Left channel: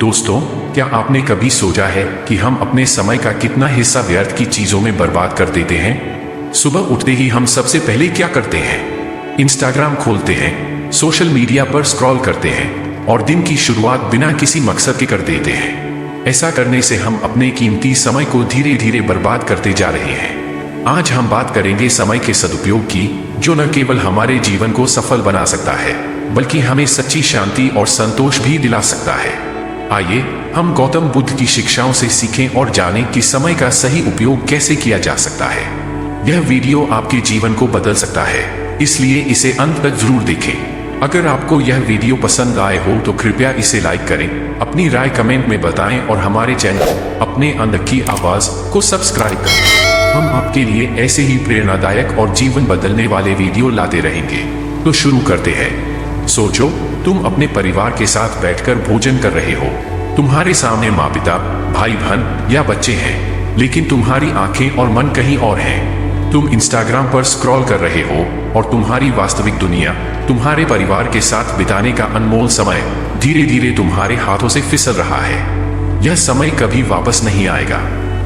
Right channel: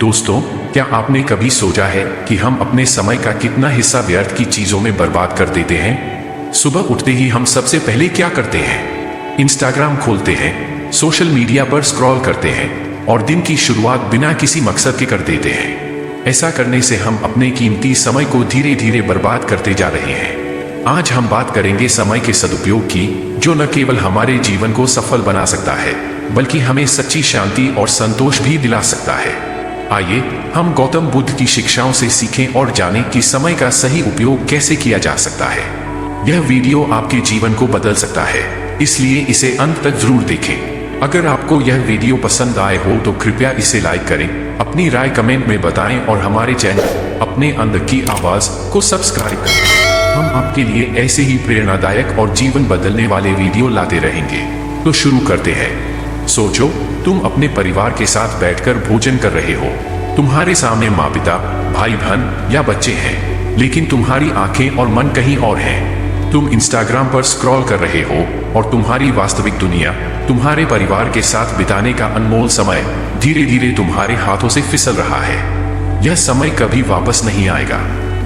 दोस्तों, क्या आपने कभी सोचा है कि हम अपने समय का कितना हिस्सा व्यर्थ की चीजों में बर्बाद कर देते हैं? सुबह उठते ही हम सबसे पहले क्या करते हैं? इंस्टाग्राम खोलते हैं, सोशल मीडिया पर स्क्रॉल करते हैं और दिन की शुरुआत बिना किसी मकसद के कर देते हैं। ऐसा करने से हम अपने कीमती समय को धीरे धीरे बर्बाद करते जा रहे हैं। आज हम बात करेंगे समय के सदुपयोग की, जो न केवल हमारे जीवन को सफल बना सकता है, बल्कि हमें सच्ची शांति और संतोष भी दिला सकता है। आइए हम गौतम बुद्ध की शिक्षाओं से सीखें और जानें कि समय का सही उपयोग कैसे किया जा सकता है। यह वीडियो आपके जीवन को बदल सकता है, इसलिए इसे अंत तक जरूर देखें। अगर आपको यह वीडियो पसंद आए हो तो कृपया इसे लाइक करें, अपनी राय कमेंट में बताएं और हमारे चैनल अपने अंदर की आवाज को सब्सक्राइब करें। हम आपके लिए ऐसे ही प्रेरणादायक और जीवन बदलने वाले वीडियो लाते रहेंगे। तो शुरू करते हैं। सोचो, तुम अपने परिवार के साथ बैठकर भोजन कर रहे हो। तुम्हारे सामने माँ पिता, भाई बहन या बच्चे हैं, लेकिन तुम्हारी आंखें और मन कहीं और हैं। तुम इंस्टाग्राम पर स्क्रॉल कर रहे हो और तुम्हारी वास्तविक दुनिया, तुम्हारे परिवार के साथ बिताने का अनमोल समय धीरे धीरे तुम्हारे हाथों से फिसल रहा है। यह समय कभी वापस नहीं आएगा।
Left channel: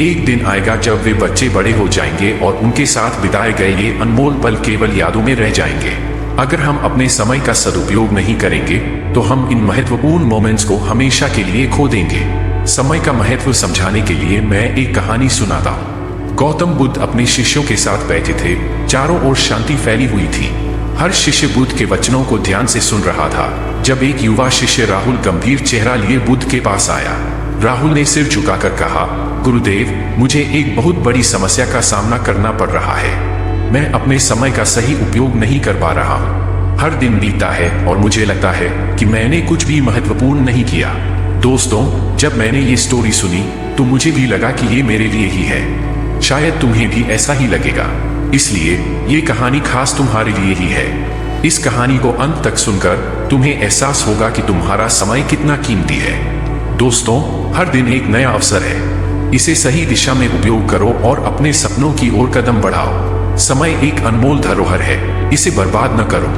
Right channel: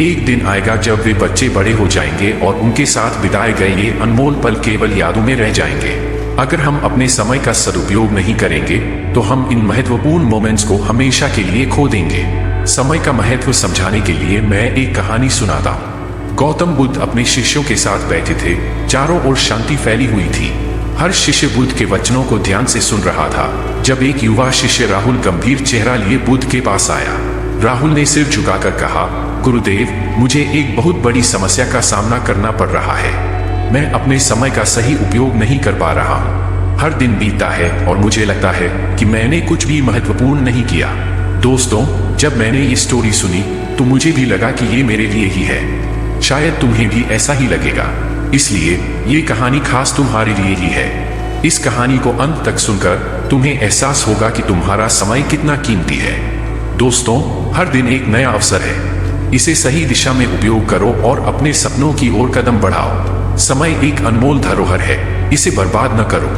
एक दिन आएगा जब वे बच्चे बड़े हो जाएंगे और उनके साथ बिताए गए ये अनमोल पल केवल यादों में रह जाएंगे। अगर हम अपने समय का सदुपयोग नहीं करेंगे तो हम इन महत्वपूर्ण मोमेंट्स को हमेशा के लिए खो देंगे। समय का महत्व समझाने के लिए मैं एक कहानी सुनाता हूँ। गौतम बुद्ध अपने शिष्यों के साथ बैठे थे। चारों ओर शांति फैली हुई थी। हर शिष्य बुद्ध के वचनों को ध्यान से सुन रहा था जब एक युवा शिष्य राहुल गंभीर चेहरा लिए बुद्ध के पास आया। राहुल ने सिर झुकाकर कहा, गुरुदेव, मुझे एक बहुत बड़ी समस्या का सामना करना पड़ रहा है। मैं अपने समय का सही उपयोग नहीं कर पा रहा हूँ। हर दिन बीतता है और मुझे लगता है कि मैंने कुछ भी महत्वपूर्ण नहीं किया। दोस्तों, जब मैंने ये स्टोरी सुनी तो मुझे भी लगा कि ये मेरे लिए ही है। शायद तुम्हें भी ऐसा ही लगेगा, इसलिए ये कहानी खास तुम्हारे लिए ही है। इस कहानी को अंत तक सुनकर तुम्हें एहसास होगा कि तुम्हारा समय कितना कीमती है। दोस्तों, हर दिन एक नया अवसर है। इसे सही दिशा में उपयोग करो और अपने सपनों की ओर कदम बढ़ाओ। समय एक अनमोल धरोहर है, इसे बर्बाद न करो।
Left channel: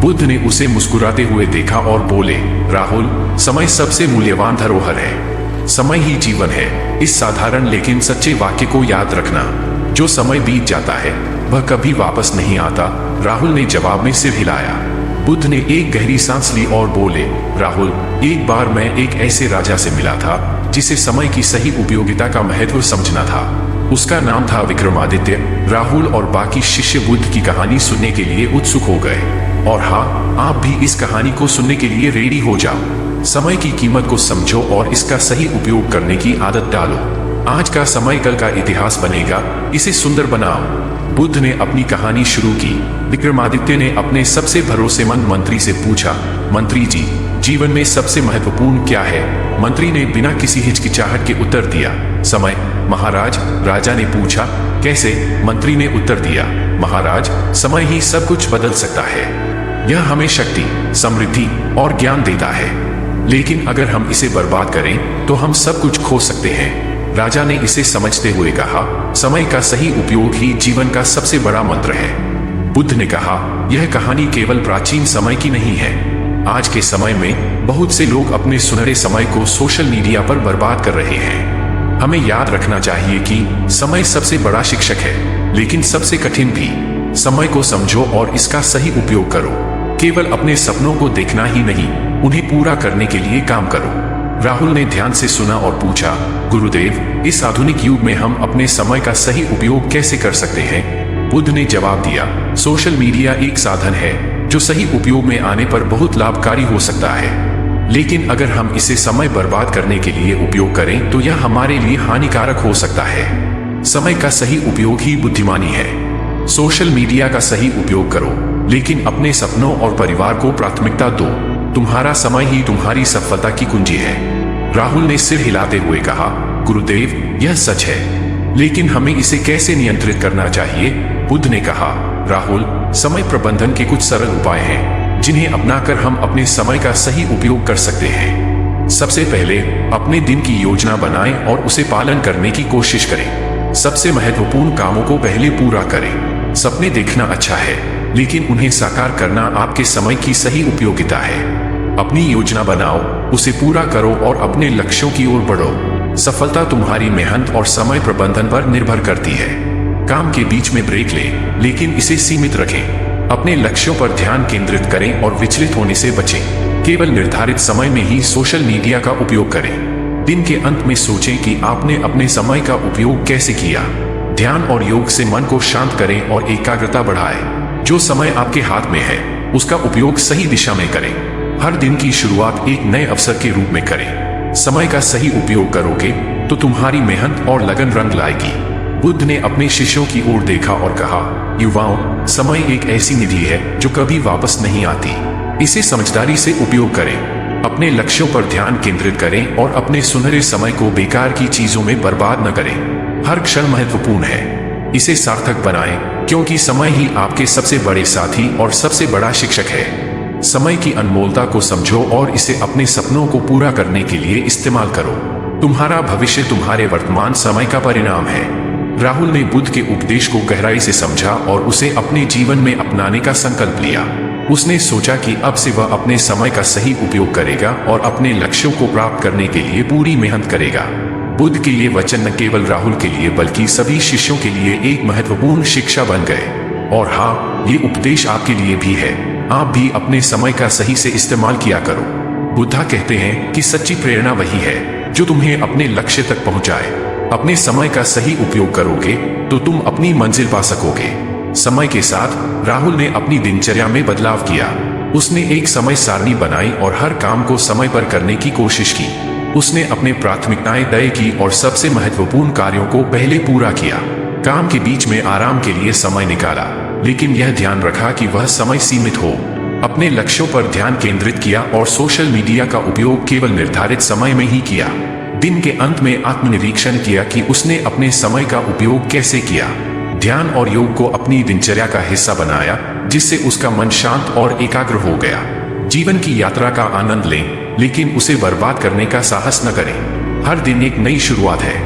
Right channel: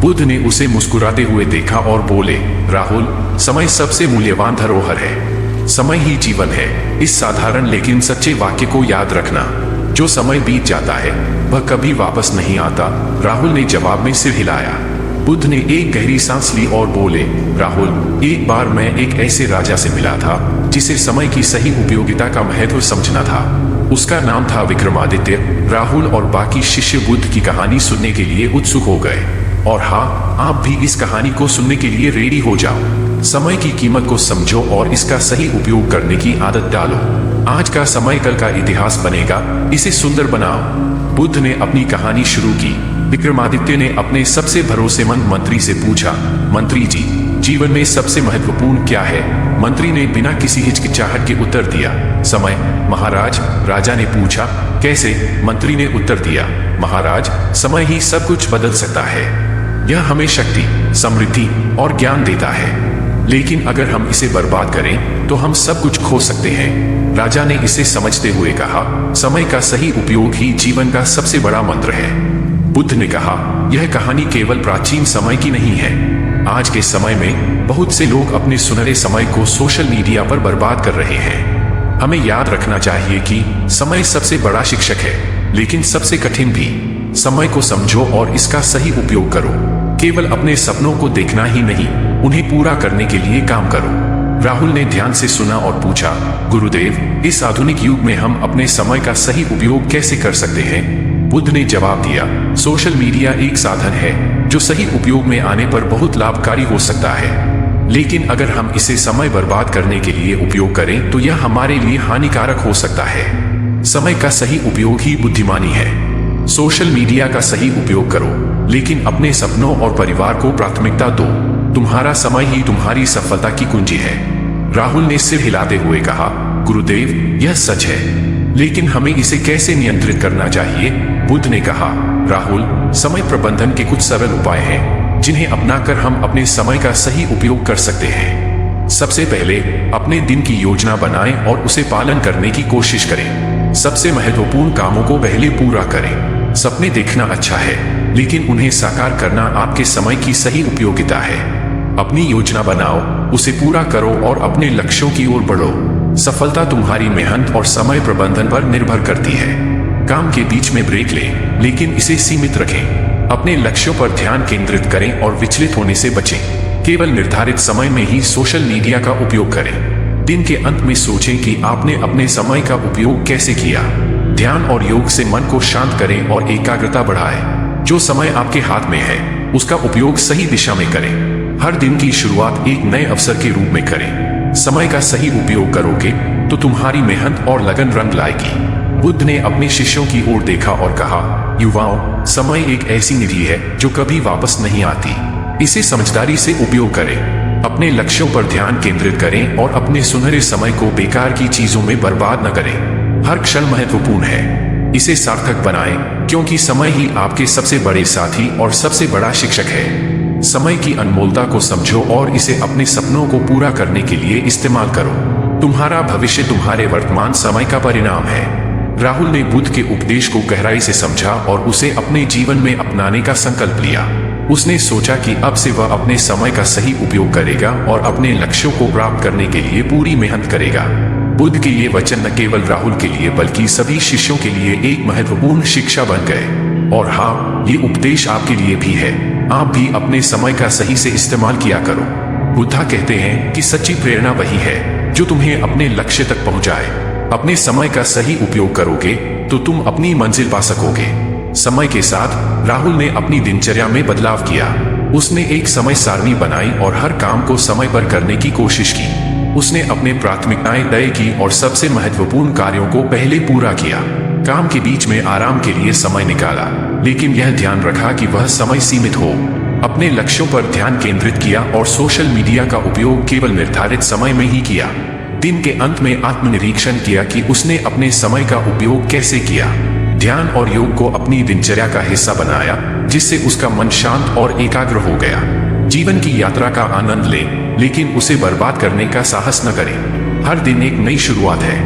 बुद्ध ने उसे मुस्कुराते हुए देखा और बोले, राहुल, समय सबसे मूल्यवान धरोहर है। समय ही जीवन है। इस साधारण लेकिन सच्चे वाक्य को याद रखना। जो समय बीत जाता है वह कभी वापस नहीं आता। राहुल ने जवाब में सिर हिलाया। बुद्ध ने एक गहरी सांस ली और बोले, राहुल, एक बार मैं एक ऐसे राजा से मिला था जिसे समय की सही उपयोगिता का महत्व समझना था। उसका नाम था विक्रमादित्य। राहुल और बाकी शिष्य बुद्ध की कहानी सुनने के लिए उत्सुक हो गए। और हाँ, आप भी इस कहानी को सुनने के लिए रेडी हो जाओ। समय की कीमत को समझो और इसका सही उपयोग करने की आदत डालो। आज का समय कल का इतिहास बनेगा, इसे सुंदर बनाओ। बुद्ध ने अपनी कहानी शुरू की। विक्रमादित्य ने अपने सबसे भरोसेमंद मंत्री से पूछा, मंत्री जी, जीवन में सबसे महत्वपूर्ण क्या है? मंत्री ने बिना किसी हिचकिचाहट के उत्तर दिया, समय। महाराज, राजा ने पूछा, कैसे? मंत्री ने उत्तर दिया, महाराज, समय ही सब कुछ बदल सकता है। यह हमें शक्ति, समृद्धि और ज्ञान देता है, लेकिन अगर हम इसे बर्बाद करें तो हम सब कुछ खो सकते हैं। राजा ने इसे समझते हुए कहा, समय का सही उपयोग ही जीवन का सबसे बड़ा मंत्र है। बुद्ध ने कहा, यह कहानी केवल प्राचीन समय की नहीं है। आज के समय में बहुत से लोग अपने सुनहरे समय को सोशल मीडिया पर बर्बाद कर रहे हैं। हमें याद रखना चाहिए कि समय सबसे बड़ा शिक्षक है, लेकिन सबसे कठिन भी। समय को समझो और इसका सही उपयोग करो। केवल अपने सपनों को देखना ही नहीं, उन्हें पूरा करने के लिए काम करो। राहुल ने ध्यान से सुना और पूछा, गुरुदेव, इस आधुनिक युग में हम अपने समय का सही उपयोग कैसे कर सकते हैं? बुद्ध ने जवाब दिया, सोशल मीडिया एक साधन है जो सही उपयोग में आने पर बहुत लाभकारी हो सकता है, लेकिन अगर हम इसे समय बर्बाद करने के लिए उपयोग करें तो यह हमारे लिए हानिकारक हो सकता है। समय का सही उपयोग ही बुद्धिमानी है। सोशल मीडिया का सही उपयोग करो, लेकिन अपने सपनों और परिवार को प्राथमिकता दो। तुम्हारा समय ही तुम्हारी सफलता की कुंजी है। राहुल ने सिर हिलाते हुए कहा, गुरुदेव, यह सच है, लेकिन हमें इसे कैसे नियंत्रित करना चाहिए? बुद्ध ने कहा, राहुल, समय प्रबंधन के कुछ सरल उपाय हैं जिन्हें अपनाकर हम अपने समय का सही उपयोग कर सकते हैं। सबसे पहले अपने दिन की योजना बनाएं और उसे पालन करने की कोशिश करें। सबसे महत्वपूर्ण कामों को पहले पूरा करें। सपने देखना अच्छा है, लेकिन उन्हें साकार करना आपके समय की सही उपयोगिता है। अपनी योजना बनाओ, उसे पूरा करो और अपने लक्ष्यों की ओर बढ़ो। सफलता तुम्हारी मेहनत और समय प्रबंधन पर निर्भर करती है। काम के बीच में ब्रेक लें, लेकिन इसे सीमित रखें। अपने लक्ष्यों पर ध्यान केंद्रित करें और विचलित होने से बचें। केवल निर्धारित समय में ही सोशल मीडिया का उपयोग करें। दिन के अंत में सोचें कि आपने अपने समय का उपयोग कैसे किया। ध्यान और योग से मन को शांत करें और एकाग्रता बढ़ाएं। जो समय आपके हाथ में है उसका उपयोग सही दिशा में करें। हर दिन की शुरुआत एक नए अवसर के रूप में करें। समय का सही उपयोग करोगे तो तुम्हारी मेहनत और लगन रंग लाएगी। बुद्ध ने अपने शिष्यों की ओर देखा और कहा, युवाओं, समय एक ऐसी निधि है जो कभी वापस नहीं आती। इसे समझदारी से उपयोग करें। अपने लक्ष्यों पर ध्यान केंद्रित करें और अपने सुनहरे समय को बेकार की चीजों में बर्बाद न करें। हर क्षण महत्वपूर्ण है, इसे सार्थक बनाएं, क्योंकि समय ही आपके सबसे बड़े साथी और सबसे बड़ा शिक्षक है। समय की अनमोलता को समझो और इसे अपने सपनों को पूरा करने के लिए इस्तेमाल करो। तुम्हारा भविष्य तुम्हारे वर्तमान समय का परिणाम है। राहुल ने बुद्ध के उपदेश को गहराई से समझा और उसे अपने जीवन में अपनाने का संकल्प लिया। उसने सोचा कि अब से वह अपने समय का सही उपयोग करेगा और अपने लक्ष्यों को प्राप्त करने के लिए पूरी मेहनत करेगा। बुद्ध के ये वचन न केवल राहुल के लिए बल्कि सभी शिष्यों के लिए एक महत्वपूर्ण शिक्षा बन गए। और हाँ, ये उपदेश आपके लिए भी है। आप भी अपने समय का सही से इस्तेमाल किया करो। बुद्धा कहते हैं कि सच्ची प्रेरणा वही है जो तुम्हें अपने लक्ष्य तक पहुंचाए। अपने समय का सही उपयोग करोगे तो तुम अपनी मंजिल पा सकोगे। समय के साथ राहुल ने अपनी दिनचर्या में बदलाव किया। उसने एक समय सारणी बनाई और हर काम को समय पर करने की कोशिश की। उसने अपनी प्राथमिकताएं तय की और सबसे महत्वपूर्ण कार्यों को पहले पूरा किया। काम के बीच में आराम के लिए समय निकाला, लेकिन यह ध्यान रखा कि वह समय सीमित हो। अपने लक्ष्यों पर ध्यान केंद्रित किया और सोशल मीडिया का उपयोग केवल निर्धारित समय में ही किया। दिन के अंत में आत्मनिरीक्षण किया कि उसने अपने समय का उपयोग कैसे किया। ध्यान और योग को अपनी दिनचर्या का हिस्सा बनाया, जिससे उसका मन शांत और एकाग्र हो गया। जीवन की यात्रा का आनंद लें, लेकिन उसे बर्बाद करने का साहस न करें। हर दिन एक नई शुरुआत है,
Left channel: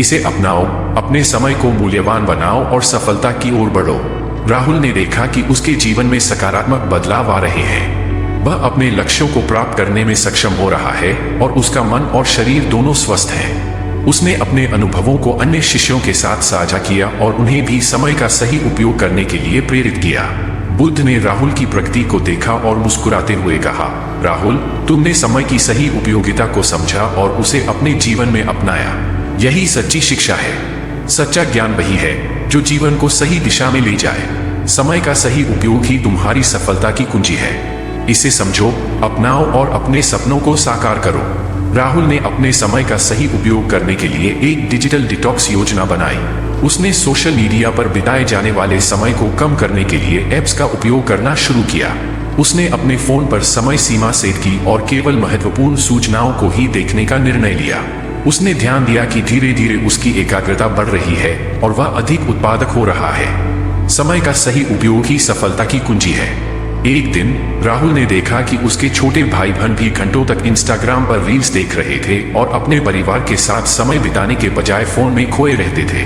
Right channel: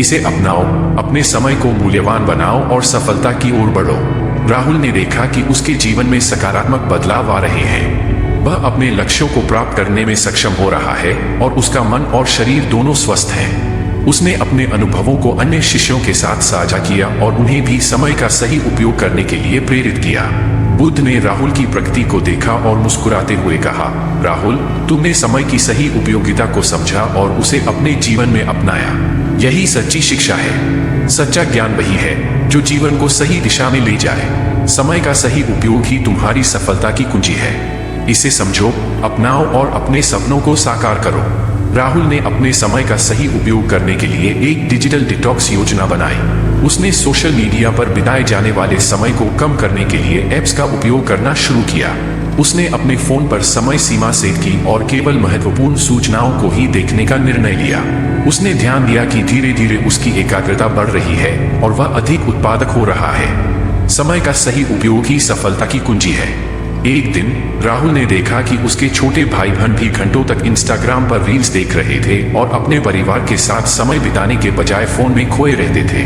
इसे अपनाओ, अपने समय को मूल्यवान बनाओ और सफलता की ओर बढ़ो। राहुल ने देखा कि उसके जीवन में सकारात्मक बदलाव आ रहे हैं। वह अपने लक्ष्यों को प्राप्त करने में सक्षम हो रहा है और उसका मन और शरीर दोनों स्वस्थ हैं। उसने अपने अनुभवों को अन्य शिष्यों के साथ साझा किया और उन्हें भी समय का सही उपयोग करने के लिए प्रेरित किया। बुद्ध ने राहुल की प्रगति को देखा और मुस्कुराते हुए कहा, राहुल, तुमने समय की सही उपयोगिता को समझा और उसे अपने जीवन में अपनाया। यही सच्ची शिक्षा है। सच्चा ज्ञान वही है जो जीवन को सही दिशा में ले जाए। समय का सही उपयोग ही तुम्हारी सफलता की कुंजी है। इसे समझो, अपनाओ और अपने सपनों को साकार करो। राहुल ने अपने समय का सही उपयोग करने के लिए एक डिजिटल डिटॉक्स योजना बनाई। उसने सोशल मीडिया पर बिताए जाने वाले समय को कम करने के लिए ऐप्स का उपयोग करना शुरू किया। उसने अपने फोन पर समय सीमा सेट की और केवल महत्वपूर्ण सूचनाओं को ही देखने का निर्णय लिया। उसने ध्यान दिया कि धीरे धीरे उसकी एकाग्रता बढ़ रही है और वह अधिक उत्पादक हो रहा है। समय का सही उपयोग ही सफलता की कुंजी है। एक दिन राहुल ने देखा कि उसके छोटे भाई बहन भी घंटों तक इंस्टाग्राम पर रील्स देख रहे थे और अपने परिवार के साथ समय बिताने के बजाय फोन में खोए रहते थे।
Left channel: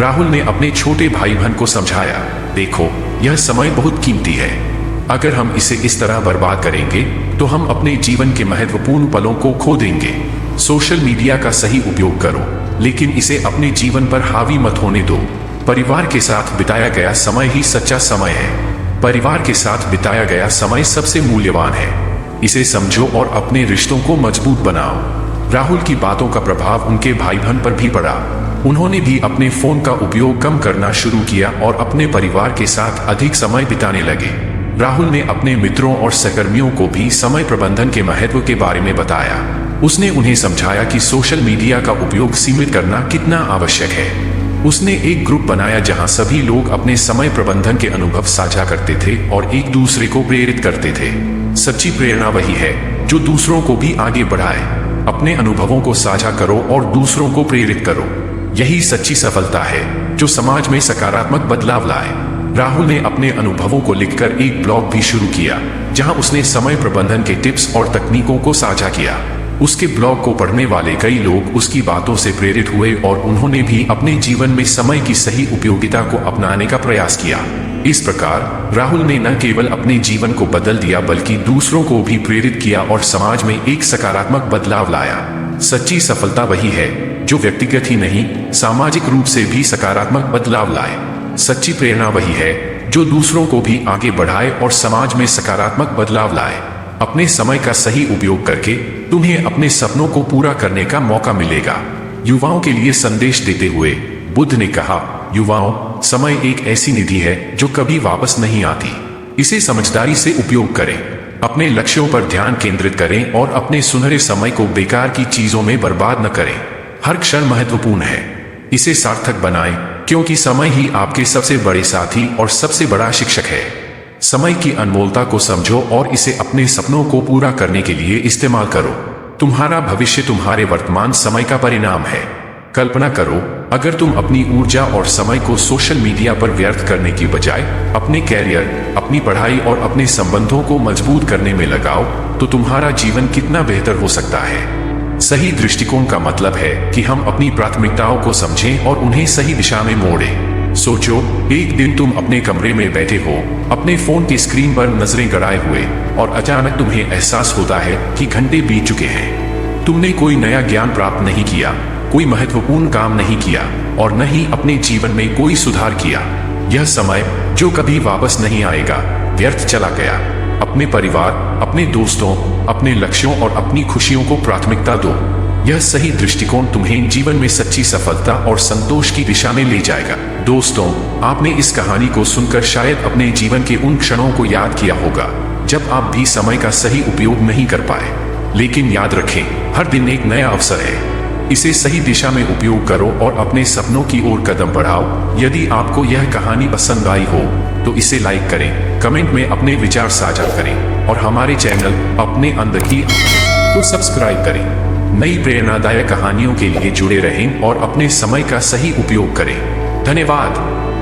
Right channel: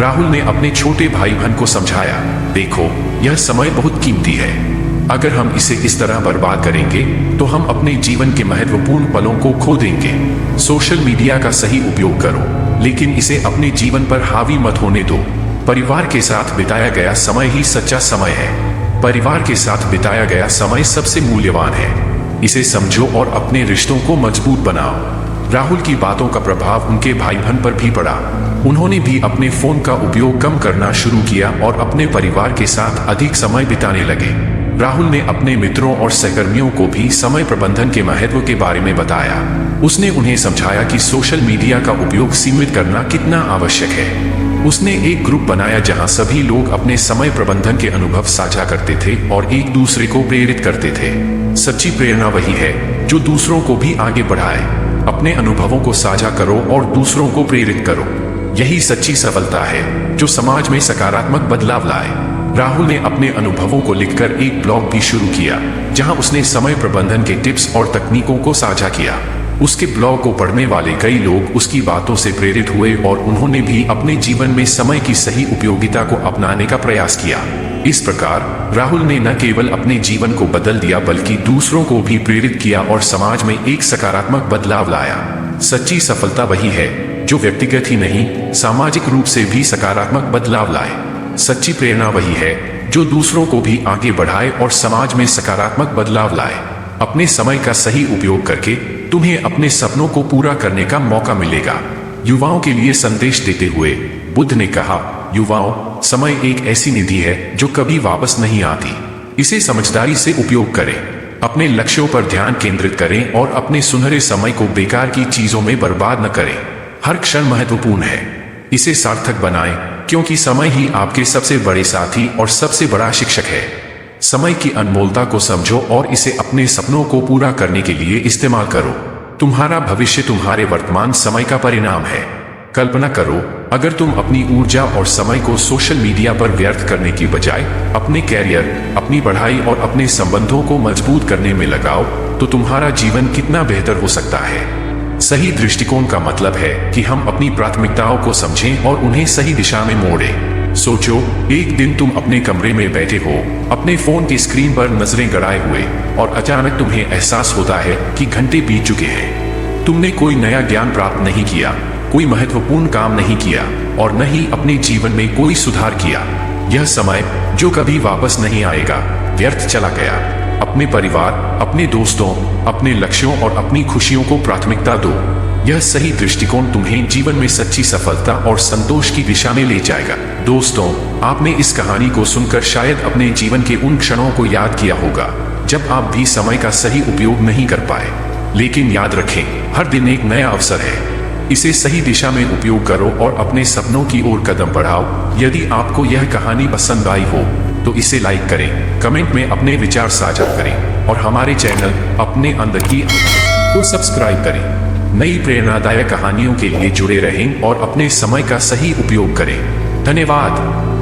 राहुल ने अपने छोटे भाई बहन को समझाया, देखो, यह समय बहुत कीमती है। अगर हम इसे इस तरह बर्बाद करेंगे तो हम अपने जीवन के महत्वपूर्ण पलों को खो देंगे। सोशल मीडिया का सही उपयोग करो, लेकिन इसे अपने जीवन पर हावी मत होने दो। परिवार के साथ बिताया गया समय ही सच्चा समय है। परिवार के साथ बिताया गया समय सबसे मूल्यवान है। इसे समझो और अपने रिश्तों को मजबूत बनाओ। राहुल की बातों का प्रभाव उनके भाई बहन पर भी पड़ा। उन्होंने भी अपने फोन का उपयोग कम करना शुरू किया और अपने परिवार के साथ अधिक समय बिताने लगे। राहुल ने अपने मित्रों और सहकर्मियों को भी समय प्रबंधन के महत्व के बारे में बताया। उसने उन्हें समझाया कि सोशल मीडिया का उपयोग सीमित करना कितना आवश्यक है। उसने एक ग्रुप बनाया जहां सभी लोग अपने समय प्रबंधन के अनुभव साझा करते थे और एक दूसरे को प्रेरित करते थे। सच्ची प्रेरणा वही है जो दूसरों को भी आगे बढ़ाए। अपने अनुभवों को साझा करो और दूसरों को प्रेरित करो। यही सच्ची सफलता है जो समाज में सकारात्मक बदलाव लाए। राहुल ने अपने अनुभवों को लिखकर एक ब्लॉग भी शुरू किया, जहां उसने समय प्रबंधन के टिप्स और तकनीकों को साझा किया। उसके ब्लॉग को पढ़ने वाले कई लोग उसकी बातों से प्रेरित हुए और उन्होंने भी अपने जीवन में समय की सही उपयोगिता को अपनाने का प्रयास किया। इस प्रकार राहुल ने न केवल अपने जीवन को बदल दिया बल्कि दूसरों को भी प्रेरित किया और समाज में एक सकारात्मक बदलाव लाया। सच्ची सफलता वही है जो व्यक्तिगत ही नहीं, सामाजिक रूप से भी सकारात्मक बदलाव लाए। सच्ची प्रेरणा वही है जो दूसरों को भी आगे बढ़ाए और समाज में सकारात्मक बदलाव लाए। अपने समय का सही उपयोग करके तुम्हें अपने सपनों को पूरा करने का मौका मिलेगा। युवाओं के लिए संदेश देते हुए बुद्ध ने कहा, युवाओं, समय एक ऐसी निधि है जो कभी वापस नहीं आती। इसे समझदारी से उपयोग करें, अपने लक्ष्यों पर ध्यान केंद्रित करें और अपने सुनहरे समय को बेकार की चीजों में बर्बाद न करें। हर क्षण महत्वपूर्ण है, इसे सार्थक बनाएं, क्योंकि समय ही आपके सबसे बड़े साथी और सबसे बड़ा शिक्षक है। समय की अनमोलता को समझो और इसे अपने सपनों को पूरा करने के लिए इस्तेमाल करो। तुम्हारा भविष्य तुम्हारे वर्तमान समय का परिणाम है। कल्पना करो, अगर तुम अपनी ऊर्जा और समय को सोशल मीडिया पर व्यर्थ करने की बजाय अपने कैरियर, अपनी पढ़ाई और अपने संबंधों को मजबूत करने में लगाओ तो तुम्हारा जीवन कितना बेहतर हो सकता है। सही दृष्टिकोण का मतलब है कि हम अपनी प्राथमिकताओं को समझें और उन्हें सही दिशा में मोड़ें। सोचो, एक दिन तुम अपने कमरे में बैठे हो, अपने फोन की स्क्रीन पर नजरें गड़ाए हुए, और अचानक तुम्हें एहसास होता है कि घंटे बीत चुके हैं। तुमने कोई नया ज्ञान प्राप्त नहीं किया, कोई महत्वपूर्ण काम नहीं किया और न ही अपने जीवन में कोई सुधार किया। यह समय जो कभी वापस नहीं आएगा व्यर्थ चला गया। अपने परिवार, अपने दोस्तों, अपने लक्ष्यों और अपनी खुशियों को प्राथमिकता दो। यह सही दृष्टिकोण तुम्हें जीवन में सच्ची सफलता और संतोष की दिशा में ले जाएगा। दोस्तों, आपने इस कहानी को सुनकर शायद अपने जीवन के उन क्षणों को याद किया होगा जब आप भी समय का सही उपयोग नहीं कर पाए। लेकिन याद रखें, हर दिन एक नया अवसर है। इसे सही दिशा में उपयोग करो और अपने सपनों की ओर कदम बढ़ाओ। यदि आपको यह कहानी पसंद आई हो तो इसे लाइक करें, कमेंट में अपने विचार साझा करें और हमारे चैनल अपने अंदर ही को सब्सक्राइब करें। नई प्रेरणादायक कहानियों के लिए जुड़े रहें और अपने समय का सही उपयोग करें। धन्यवाद।